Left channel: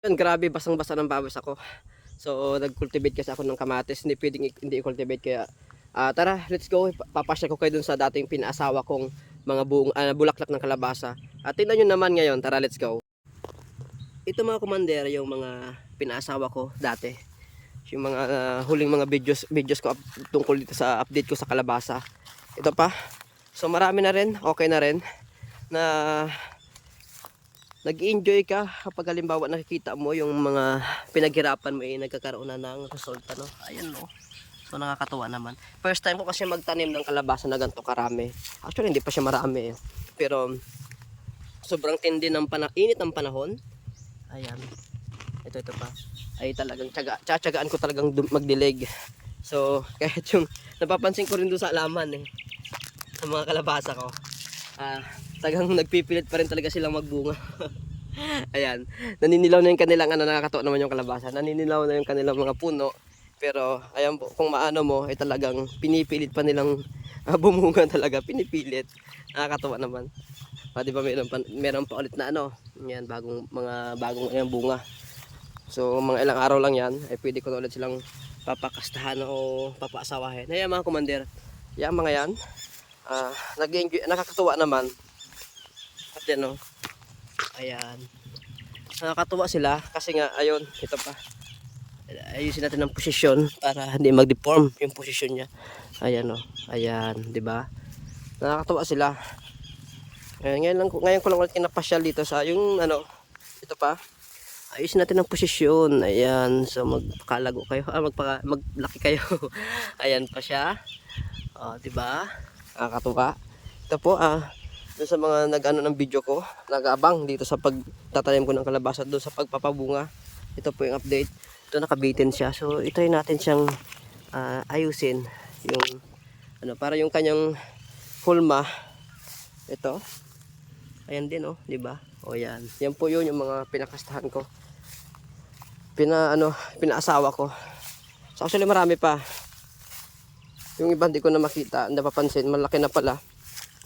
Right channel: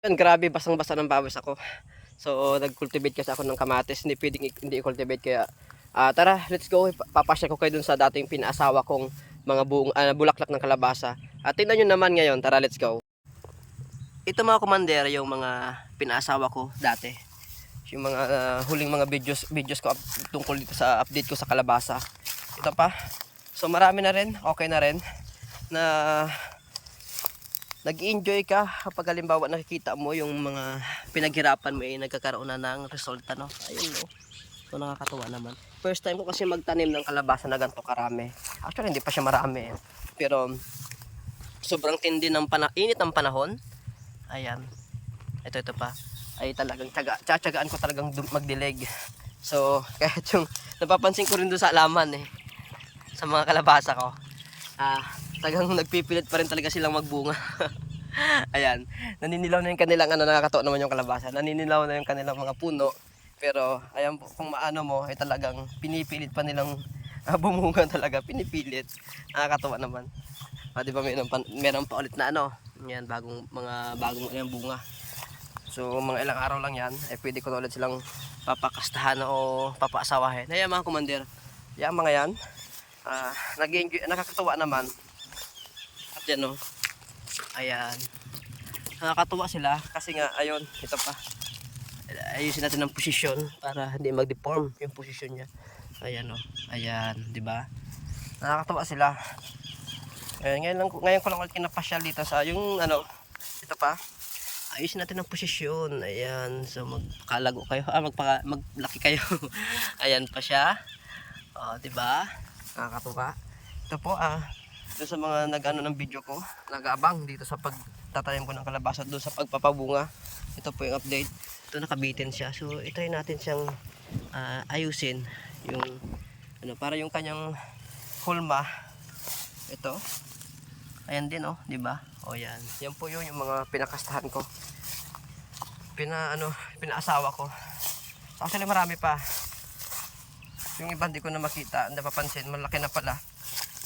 Yan, grabe basang-basa ng pawis ako. So nag-cultivate kasi ako ng kamatis, hindi pwedeng hindi i-cultivate kaya tara, let's go. Papasya ko kayo dun sa dating pinaasawa kong mga bulaklak ng kalabasa. At tingnan nyo naman ngayon, tara, let's go. Ito mga commander, yung mga pinaasawa ko dati. Yung mga huling mga videos ko tungkol dito sa update ko sa kalabasa. Ito pa. So marami na rin, okay na rin na nag-enjoy ka kapag halimbawa nakikita mo yung mga pinaghirapan mo nagkakaroon na ng resulta, no? Ayun, no? So nakakatuwa naman. First time ko kasi magtanim ng kalabasa na ganito karami. Actually hindi pa siya marami pero sobrang tindi ng init ng panahon. Ayan. Ito pa. Ay talagang tsatsagaan ko talagang magdilig. So kahit yung napapansin ko rin doon sa alaman sa mga kalabasa ko. Talagang nagpipilit pa rin talaga silang magbunga. Ayan, naninilaw na yung kanilang nakakatawa naman yung kalabasa. Naninilaw na yung kanilang mga puno. Pero ayan po, kung maano mo ay talagang pinipilit pa nilang bumunga talaga, pinipilit. Nakakatawa naman. Di ba meron pa ulit na yan bagong bunga. So mga ilang araw lang yan ay pwede ko na ulit silang papakastahan o papaasawahin. Ayan mga commander. Yan mga yan. Nag-enjoy, nakakatuwa naman. At yan ayan, nakakatuwa sila kasi nga ayun, ito pa, ayusin natin ang posisyon para hindi mag-deform yung posisyon niya. Ayan ayan, di ba? Nakakatuwa sila. Ngayon ko lang ulit kinapasyal dito sa yung ito pa, ayusin natin ang posisyon. Ayan, so magpakalago kayo, maglaki kayo. Ayan pa siya. Di ba? Nakakatuwa. Ito po doon sa mga nag-ano ng video ko, nag-aabang dito sa pagtatanim ko ng kalabasa, doon sa pagpapabunga. Ito po yung update. Ito nakabitin siya. So ito yung natin siyang ayusin yung para yung kanyang hulma. Ito. Ayan din di ba? Yan. Yan po yun yung mga pinakastahan ko. Pinaasawa ko. So actually marami pa. Yung iba hindi ko na makita, napapansin, malaki na pala.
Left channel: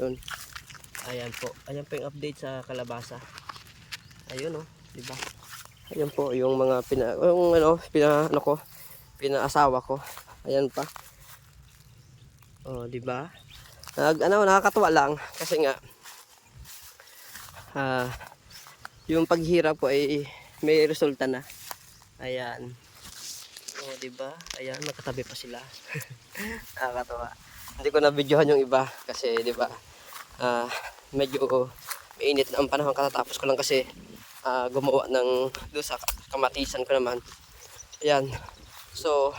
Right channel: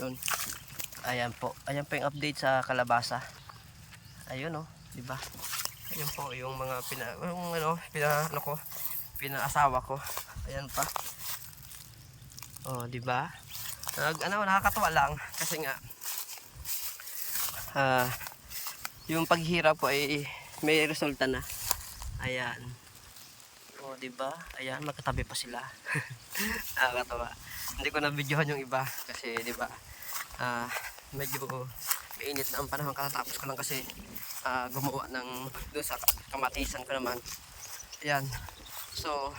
Yun. Ayan po yung update sa kalabasa. Ayun di ba? Ayan po yung mga pinaasawa ko. Ayan pa. Di ba? Nakakatuwa lang kasi nga yung paghirap po ay may resulta na. Ayan. Di ba? Ayan, magkatabi pa sila. Nakakatuwa. Hindi ko na videohan yung iba kasi di ba? Medyo mainit na ang panahon, katatapos ko lang kasi gumawa ng doon sa kamatisan ko naman. Ayan, so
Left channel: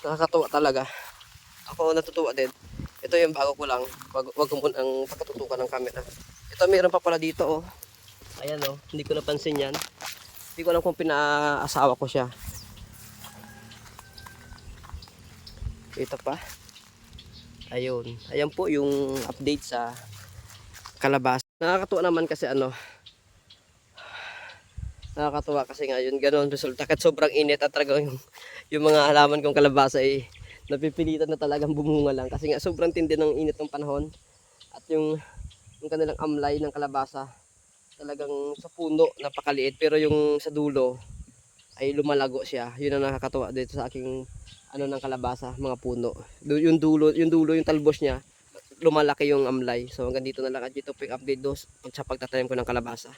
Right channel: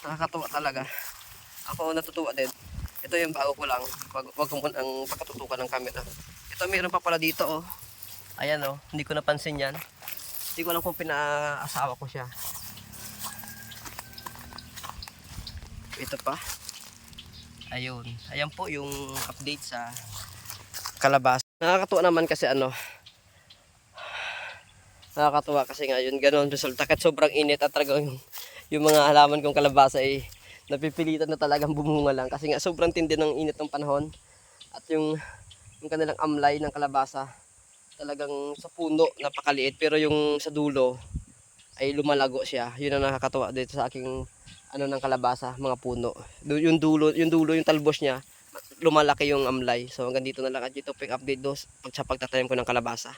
nakakatuwa talaga, ako natutuwa din. Ito yung bago ko lang, wag ko muna ang pagkatutukan ng camera. Ito mayroon pa pala dito ayan hindi ko napansin yan, hindi ko alam kung pinaasawa ko siya. Ito pa. Ayan po yung update sa kalabasa. Nakakatuwa naman kasi nakakatuwa kasi ngayon ganoon resulta kahit sobrang init at talagang yung mga halaman kong kalabasa ay napipilitan na talagang bumunga lang kasi nga sobrang tindi ng init ng panahon. At yung kanilang amlay ng kalabasa talagang sa puno napakaliit pero yung sa dulo ay lumalago siya. Yun ang nakakatuwa dito sa aking ng kalabasa, mga puno. Yung dulo yung talbos niya, lumalaki yung amlay. So hanggang dito na lang at ito pick update sa pagtatanim ko ng kalabasa.